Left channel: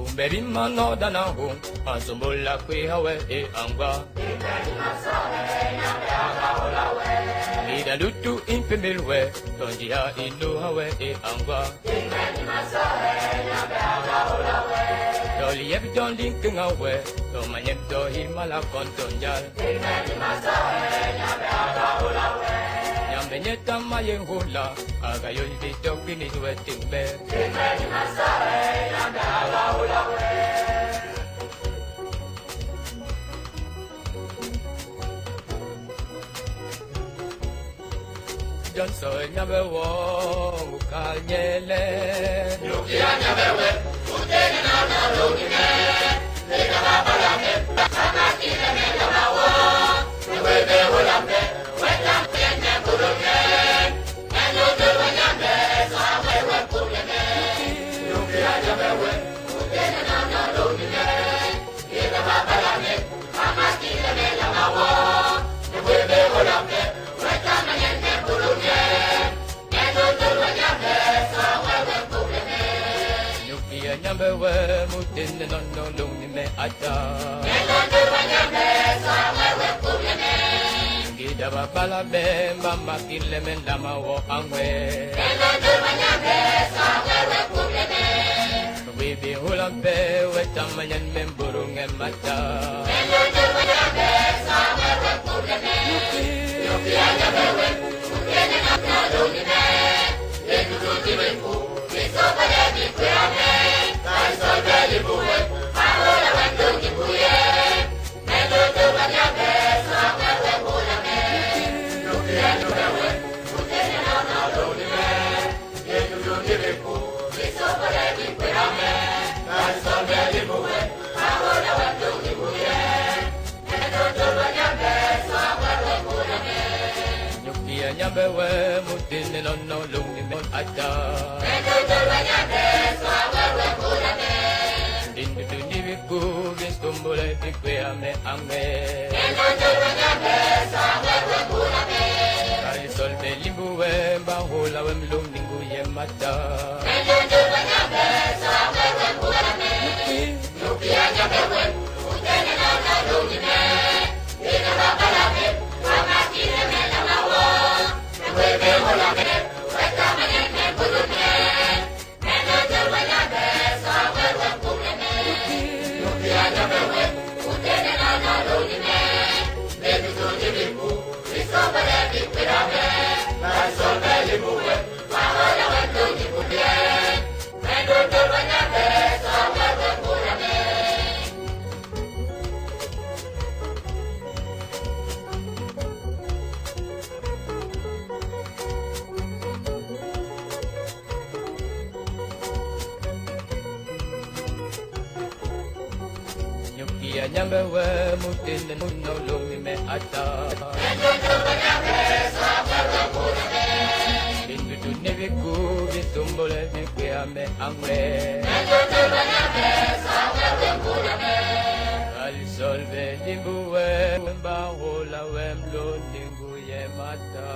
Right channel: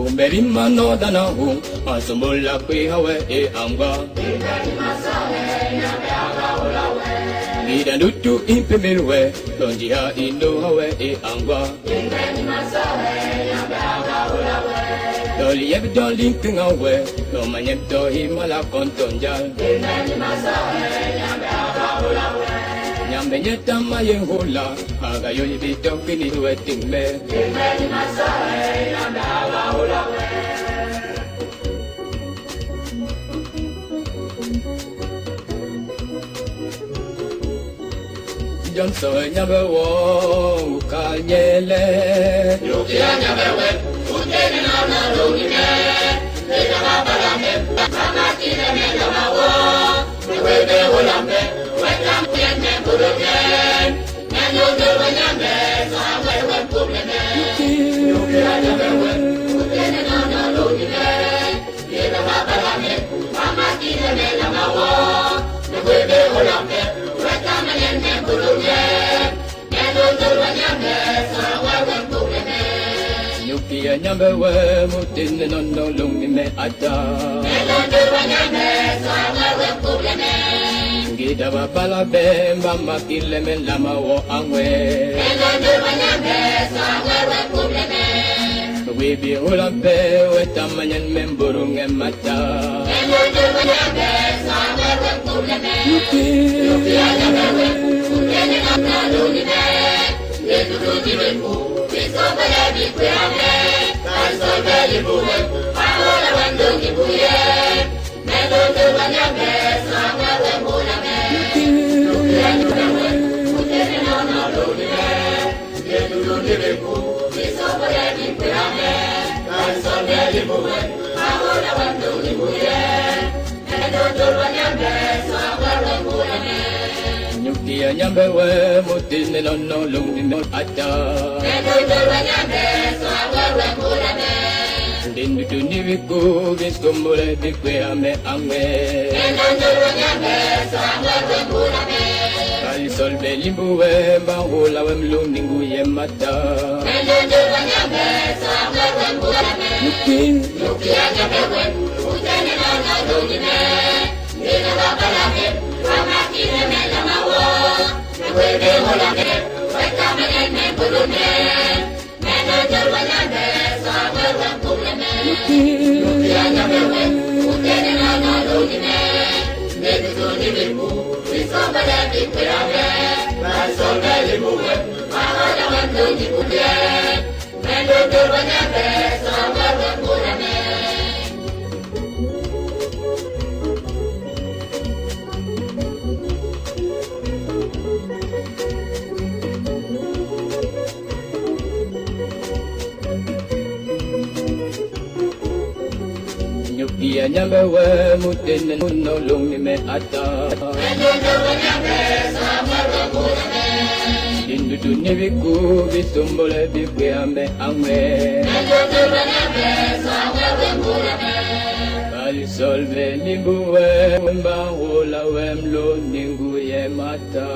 Bumberi mano dana hung, asumula kwi hawe e anga. Ida lutu impe milwe, lonjia indo hawe e anga. Doli eb doli kingawe, lo manyem to himala kontonjal. Nyambe nyeta mayen hula, aga yo ibito kini huwe tingme. Janso nyambe wo ukanyele. Yukia nyambe we, utene na na lomine. Eka mabalame, mama kine me lamawo. Webe ulambe, weka mtene kurume. Nyo doro nyambe, sawe we kumene. Yukia nyambe we, utene na na lomine. Eka mabalame, mama kine me lamawo. Webe ulambe, weka mtene kurume. Nyo doro nyambe, sawe we kumene. Yukia nyambe we, mutene na na lomine ata. Nyo doro nyambe, sawe we kumene. Gida bapala bemba makile lama wo angwe. Nyo doro nyambe, sawe we kumene. Wibi ulambe wetamanyan memburunge mata. Nyo doro nyambe, sawe we kumene. Yukia nyambe we, utene na na lomine. Yedu tuji weku, isoba ya jikwe ame. Kaisoba jibuwe, ahola wendo jibuye. Nyo doro nyambe, sawe we kumene. Yukia nyambe we, utene na na lomine. Yedu tuji weku, isoba ya jikwe ame. Kaisoba jibuwe, ahola wendo jibuye. Nyo doro nyambe, sawe we kumene. Yukia nyambe we, mutine no no lungi mo ata. Nyo doro nyambe, sawe we kumene. Dindu duni wiku, viskumbule bikwe ame ame. Nyo doro nyambe, sawe we kumene. Kali solve limbuwe, bahula we mluningu ye mata. Nyo doro nyambe, sawe we kumene. Yukia nyambe we, utene no no lungine. Nina wabalake, mama kine me lamawo. Webe ulambe, weka manene kurume. Nyo doro nyambe, sawe we kumene. Yukia nyambe we, utene no no lungine. Ninu tuni wiku, isoba ya jikwe ame. Kaisoba jibuwe, ahola wendo jibuye. Nyo doro nyambe, sawe we kumene. Yukia nyambe we, mutene no lungi me ata. Nyo doro nyambe, sawe we kumene. Dindu duni wiku, visumbule bikwe ame ame. Nyo doro nyambe, sawe we kumene. Kali solve limbuwe, bahula we mluningu ye mata.